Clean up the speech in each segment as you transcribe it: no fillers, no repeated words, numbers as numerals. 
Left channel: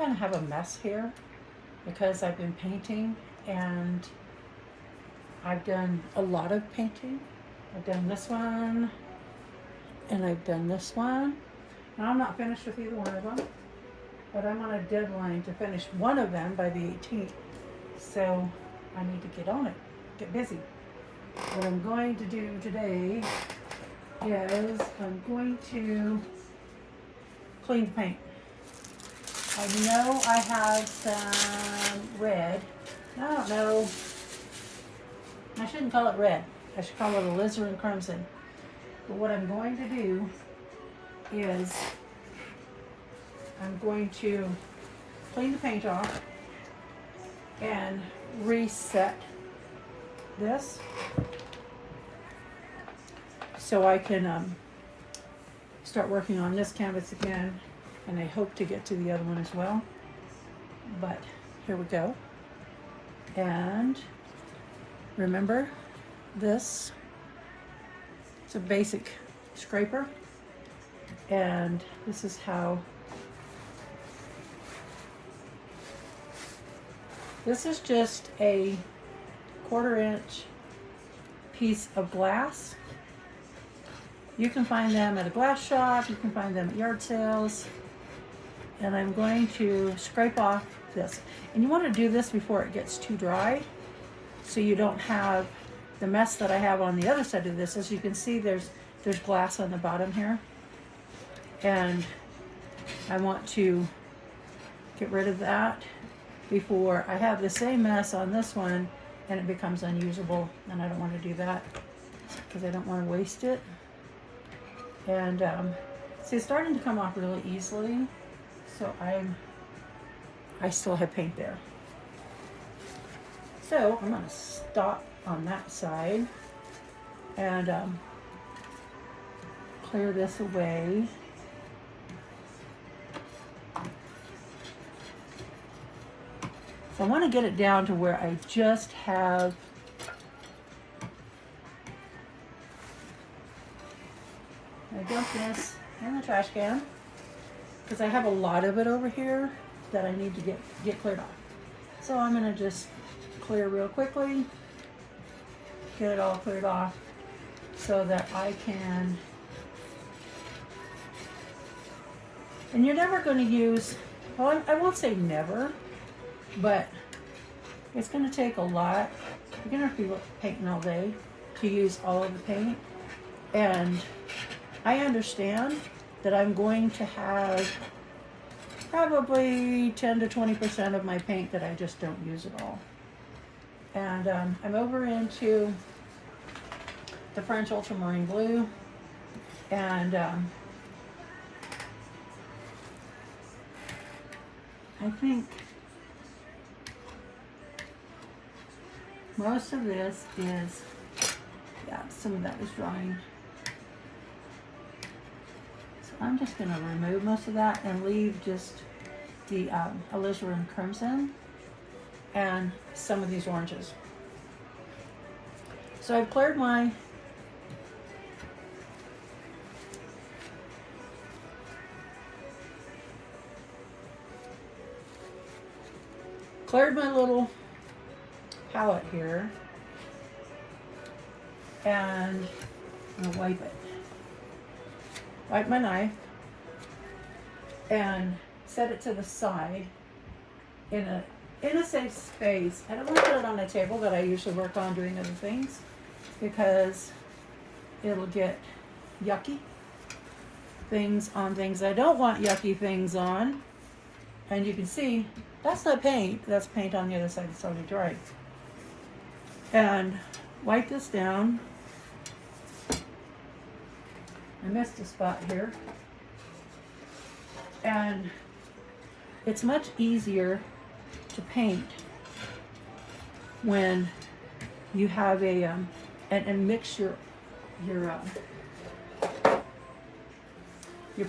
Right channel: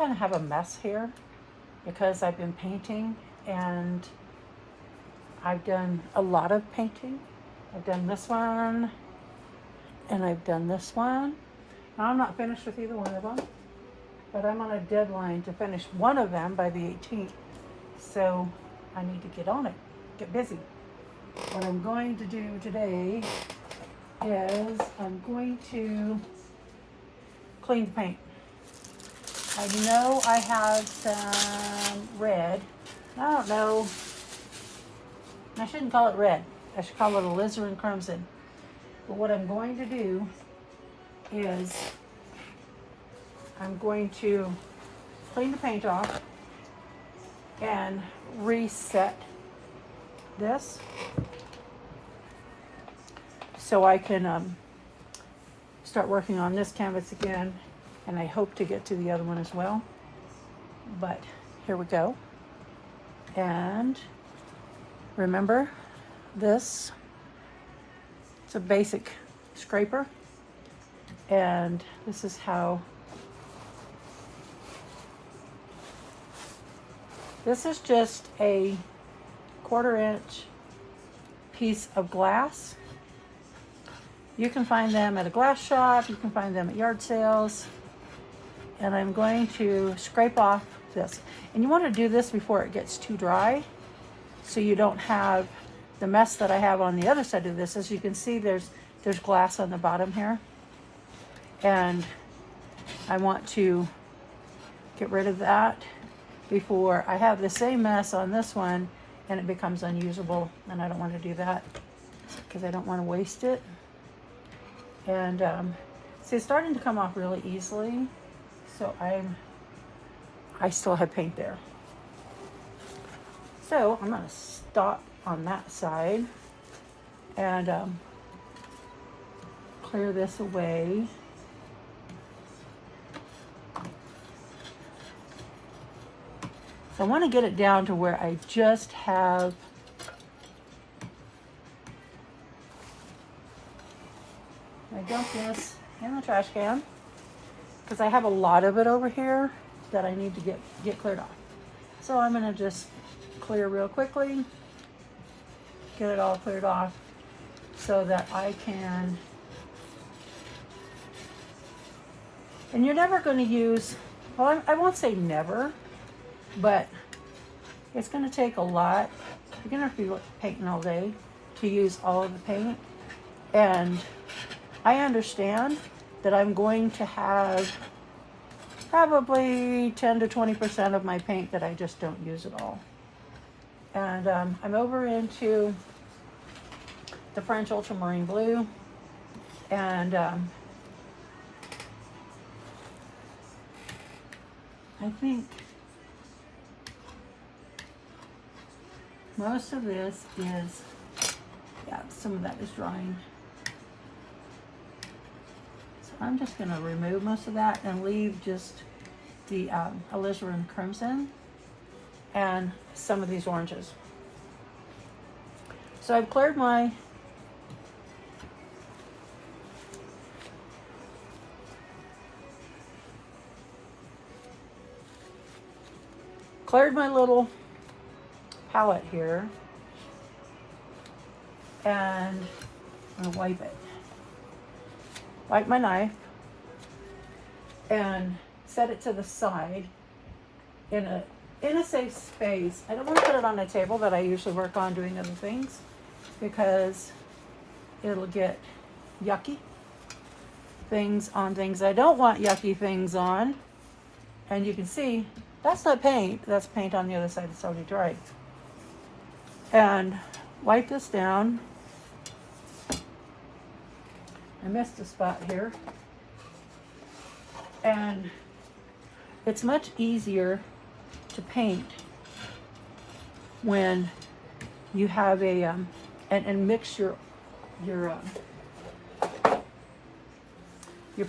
kind of have a mess here because I've been painting and I've done a lot of painting. I've done this one and I've done this one. Now I'm not finished with either one of them, but I'm on a deadline to finish one of them by the 18th. So I need to get on it, get busy. What I'm going to do today is I'm going to clean the paint. I know I have some red. I don't know. I shouldn't call it red. I should call it Alizarin Crimson. But what I'm going to do is I'm going to clean the paint off and reset this so I can start working on this canvas again, and I hope to get to the other one as well. But here we go. And remember, this it's a basic scraper, and this is how this is just a 1/4 inch piece of glass. You can find them at a glass shop, you can find them at yard sales. And I'm going to scrape off this. And you want to do this before it gets too dry, so you don't have the mess that I have on the other side of this. As you can see, there's glass on the bottom here. And I want to get rid of that before I have the same mess on this one and it becomes unusable. And I don't want to do that because I don't want to waste it. And see, it's starting to come off really easily. So I still have paint there. So I'm going to stop on that side and clear this away. So I want to get it down to where I just have I dump this in the trash can because I have a lot of it over here that I need to get cleared off. So I'm going to just clear real quickly, get it all cleared off so that I can, and you're never going to use, well, I won't say never, but it's going to take a lot. You're going to have to be painting all day to use all of the paint. And I understand that I'm going to have probably 10 to 20% of my paint that I just don't use at all. And I'm over into the French Ultramarine blue, and I think most of this is, yeah, some of that is drying. So I'm just going to remove most of that and leave just the Alizarin Crimson and some of these oranges. So I've cleared my little palette here, and I'm gonna wipe it. Wipe my knife and set it to the side in a safe space. I don't want to put it on the table that I usually work on doing other things because it'll get yucky things on things I don't want yucky things on. And you can see that's not paint, that's paint on the other side that's already dried. And wipe this down. I missed a spot here. And it's much easier to paint when you have a and mix your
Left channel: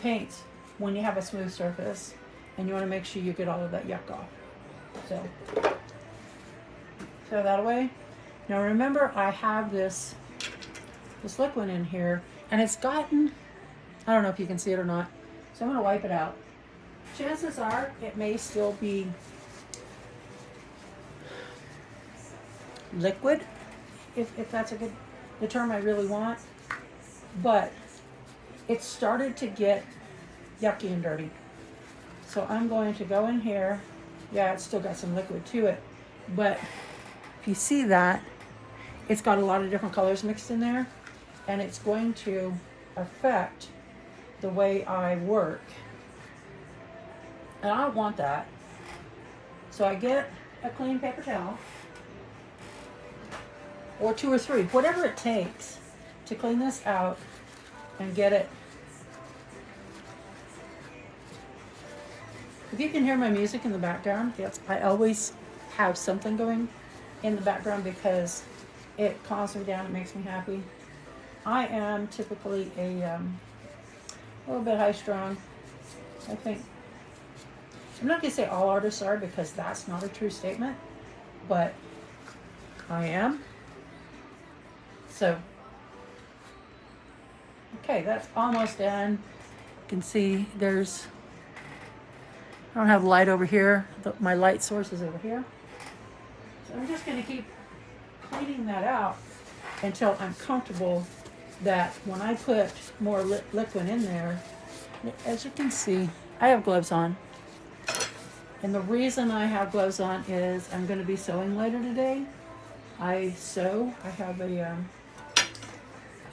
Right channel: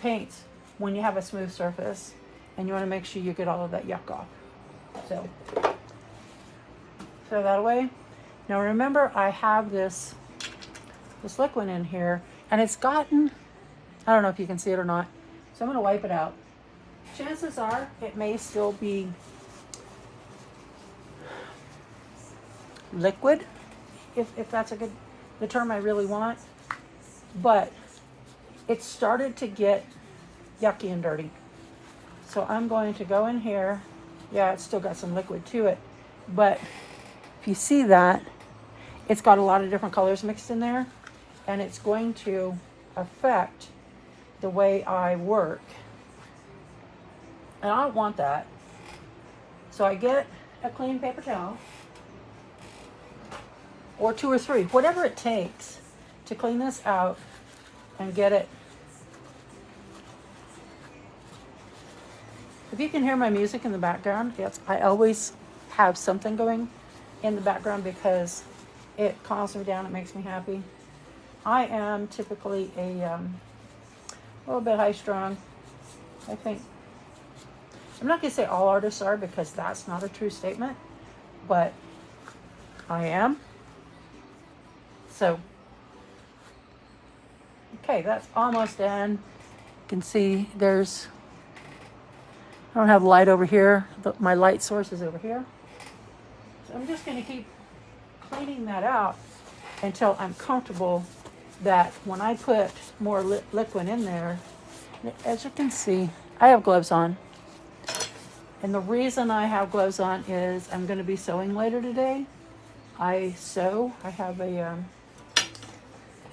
paints when you have a smooth surface, and you want to make sure you get all of that yuck off. So throw that away. Now remember, I have this liquid in here, and it's gotten, I don't know if you can see it or not, so I'm going to wipe it out. chances are it may still be liquid, if that's the term I really want, but it started to get yucky and dirty. So I'm going to go in here. Yeah, it's still got some liquid to it, but if you see that, it's got a lot of different colors mixed in there, and it's going to affect the way I work. And I don't want that. So I get a clean paper towel, or 2 or 3, whatever it takes to clean this out and get it. If you can hear my music in the background, I always have something going in the background because it calms me down, it makes me happy. I am typically a little bit high strung. I think, I'm not gonna say all artists are because that's not a true statement, but I am. So, okay, that's almost done. You can see there's, I don't have light over here, my light source is over here. So I'm just gonna keep cleaning that out until I'm comfortable that when I put more liquid in there, as you can see, I have gloves on. And the reason I have gloves on is I'm gonna be sewing later today. I sew, I have an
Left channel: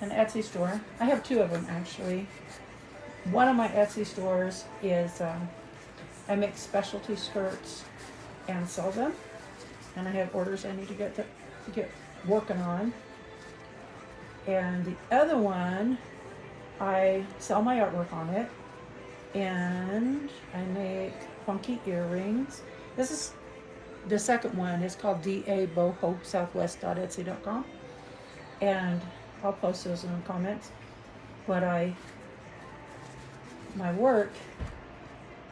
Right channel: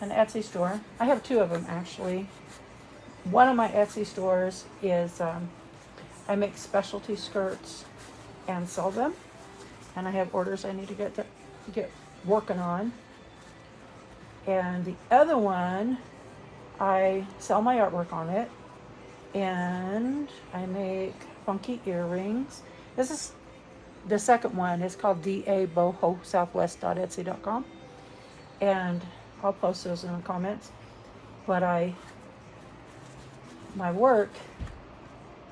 Etsy store. I have 2 of them actually. One of my Etsy stores is, I make specialty skirts and sell them. And I have orders I need to get working on. And the other one, I sell my artwork on it. And I make funky earrings. This is the second one. It's called dabohosouthwest.etsy.com. And I'll post those in the comments. But my work,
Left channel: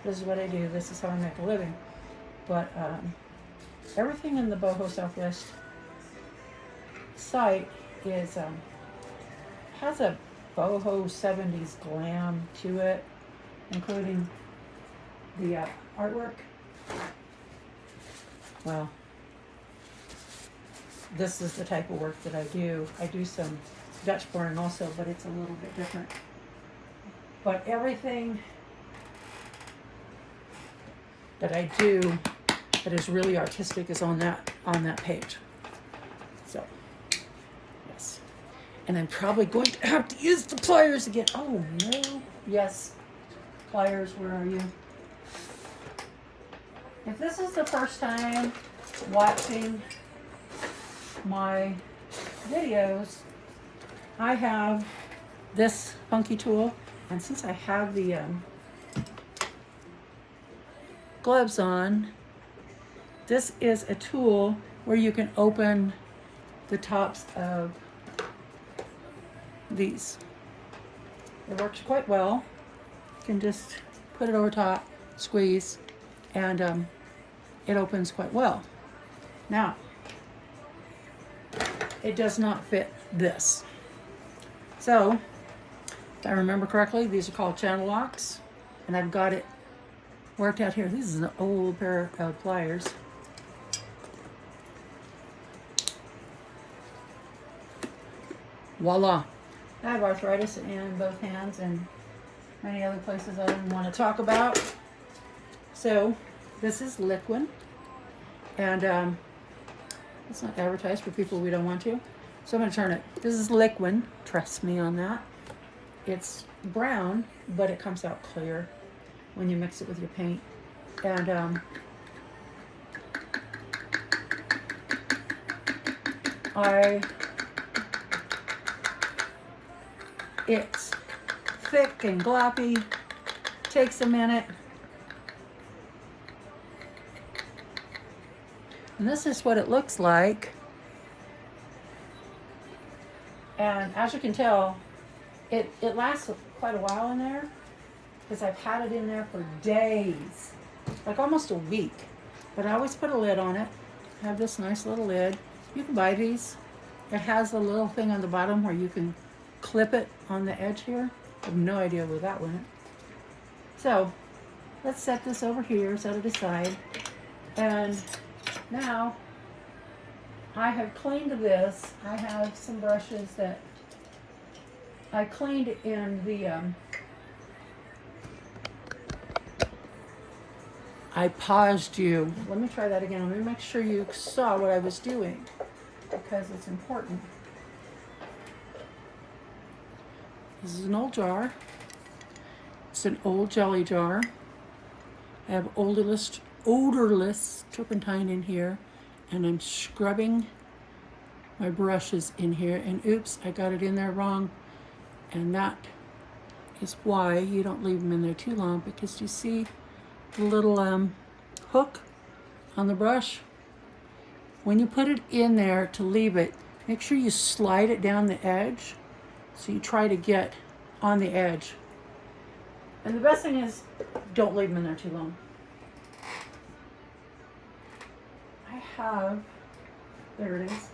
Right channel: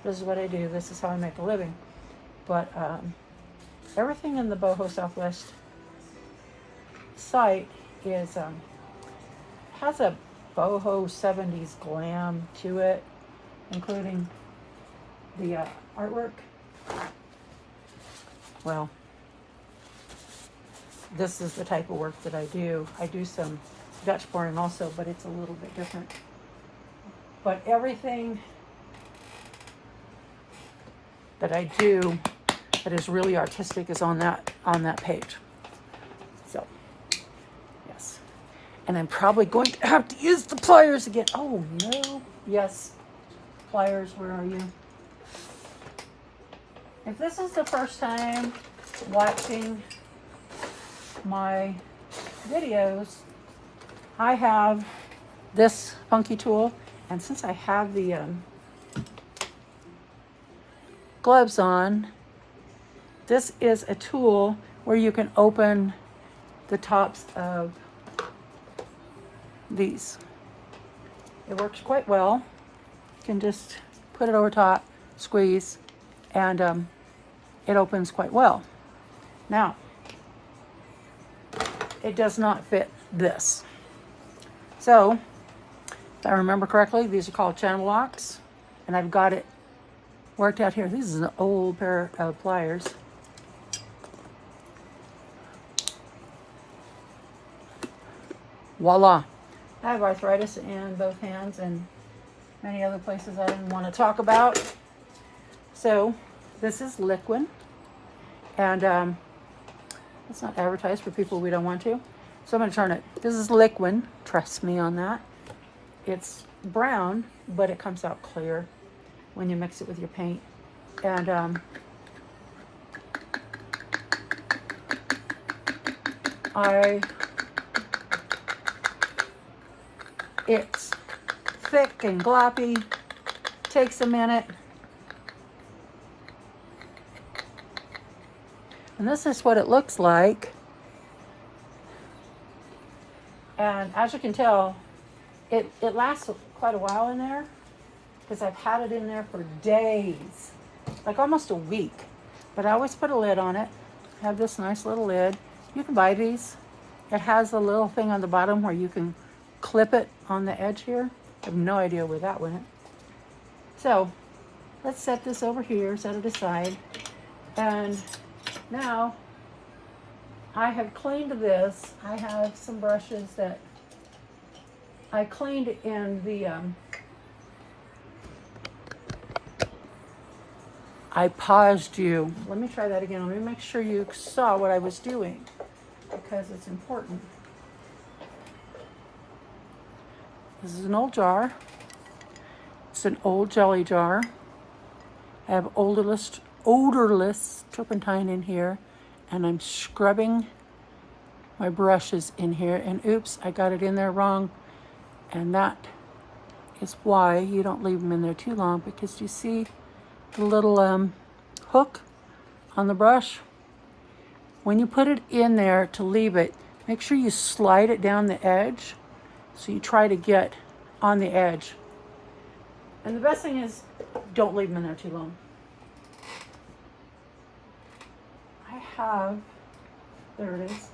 this is what I do. This is how I make a living. But everything in the Boho Southwest site is has a boho 70s glam to it, including the artwork. Well, this is the type of work that I do. I do some Dutch pouring also, but it's a little bit different. But everything that I do that is really artistic is on that page. So, yes. And I'm probably going to have to use the pliers again. Oh no. Yes. Pliers, where are you? If this is the first time watching my videos, I have this funky tool, and since I have the gloves on, this is a tool where you can open the tops of these. It works quite well. You can just put it over top, squeeze, and it opens quite well. Now, it does not fit this. So, if I remember correctly, these are called channel locks, and I've got it worked out here. This is an old pair of pliers. Voila. I have arthritis in both hands and many other places I don't want to talk about. So, this is liquid, and it's not advertised for people we don't want to. So I'm going to turn it. This is liquid. Trust me on that. It's brown, but it comes out clear when you mix it with your paint. And it's thick and gloppy. Takes a minute. And this is what it looks like. And as you can tell, it lasts quite a while in there because I've had it in there for days, like almost a week. But I always put a lid on it. I have this nice little lid. You can buy these. It has a little thing on the bottom where you can clip it on the edge here. I have no idea where that went. So let's set this over here, set it aside. And now I have cleaned this. I have some brushes that I cleaned in the, I paused you. Let me try that again. Let me make sure you saw what I was doing because it's important. This is an old jar. It's an old jelly jar. I have odorless turpentine in here, and I'm scrubbing my brushes in here, and oops, I got it in there wrong, and that is why you don't leave them in there too long, because you see the little hook on the brush? When you put it in there to leave it, make sure you slide it down the edge, so you try to get on the edge. And the best thing is, don't leave them in there too long. I have, there it is.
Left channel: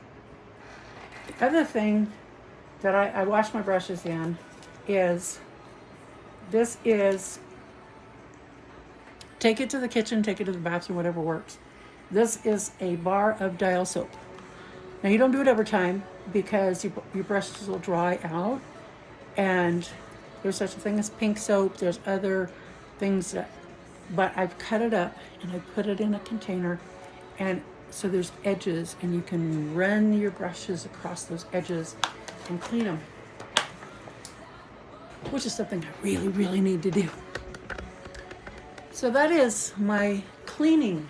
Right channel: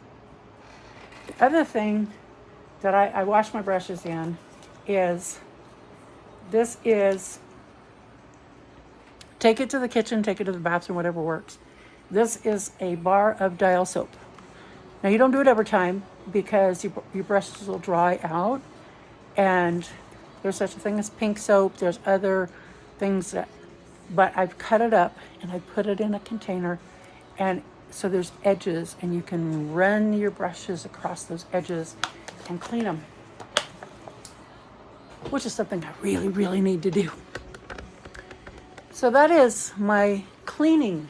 The other thing that I wash my brushes in is, this is, take it to the kitchen, take it to the bathroom, whatever works. This is a bar of dial soap. Now you don't do it every time because your brushes will dry out, and there's such a thing as pink soap. There's other things that, but I've cut it up and I put it in a container, and so there's edges, and you can run your brushes across those edges and clean them, which is something I really, really need to do. So that is my cleaning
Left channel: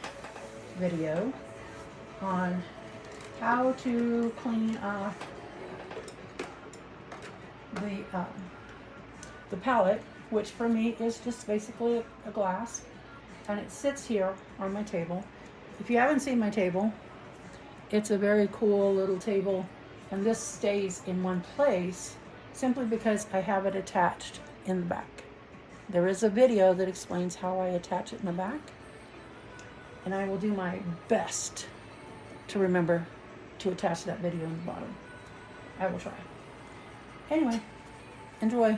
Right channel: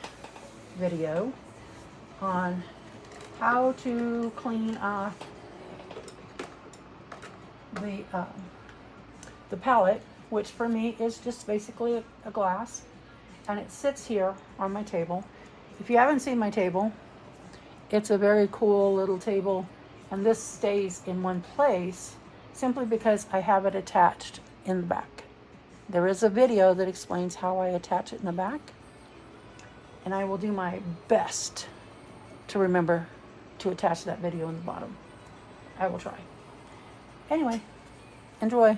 video on how to clean off the palette, which for me is just basically a glass, and it sits here on my table. If you haven't seen my table, it's a very cool little table, and this stays in one place simply because I have it attached in the back. There is a video that explains how I attach it in the back, and I will do my best to remember to attach that video in the bottom. I will try. Anyway, enjoy.